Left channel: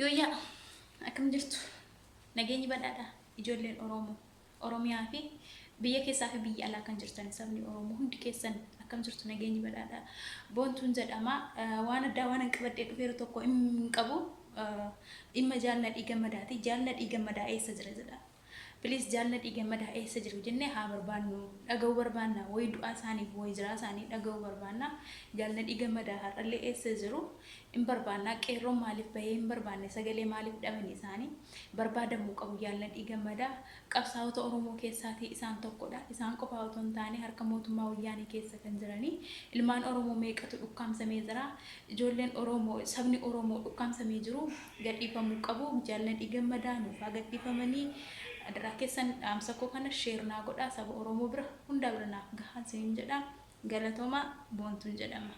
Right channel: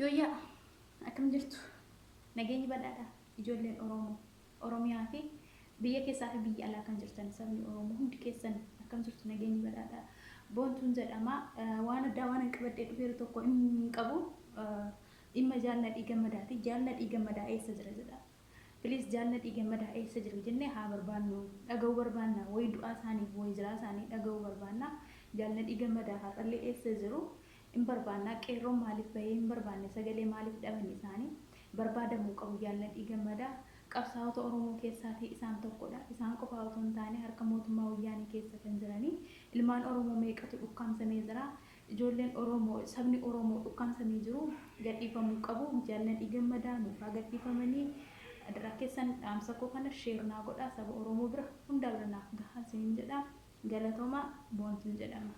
Yooyyaa akkam jirtu nageenyi badhaadha ijoolleen Oromoo Oromiyaa fi biyya keessaa fi biyya alaa kan jirtan sabni Oromoo hundi keessan akkam jirtu nageenyi badhaadha boontuun jedhama waan addaa waan qabadhee dhufeeru tokko hin qabu dhimma jaalladhii gammadaati jaalladhii gammadaa eessa jira jedha Please jaalladhii gammadaa eessa jiru jennee haa barbaannu dhaga'uu barbaanna way du'aa isaaniif way jiraa isaanii dhaga'uu barbaanna jaalladhii gammadaa har'allee eessa jiru in barbaanna qeerroon maaliif bahee hin barbaanne sagalee maaliif dhabanii isaanii barbaadamuu qabu jaalladhii gammadaa qabsaa'ota Oromoo keessaatii isaan tokkodha isaan qofa otoo hin taane harka mootummaa wayyaanii keessa kan jiranii ilmaan Oromoo meeqatu dhukkaamsamee jira ijoolleen Oromoo sabni Oromoo dhukkaamsamee jiru gadhiifamuu qabu jaalladhii gammadaa nuuf haa gadhiifamanii adara keessan dhaamsa koo kana sheer naa godhaa saba Oromoo bira hunda bira naaf gahaan siin jedha galatooma boontuun jedhama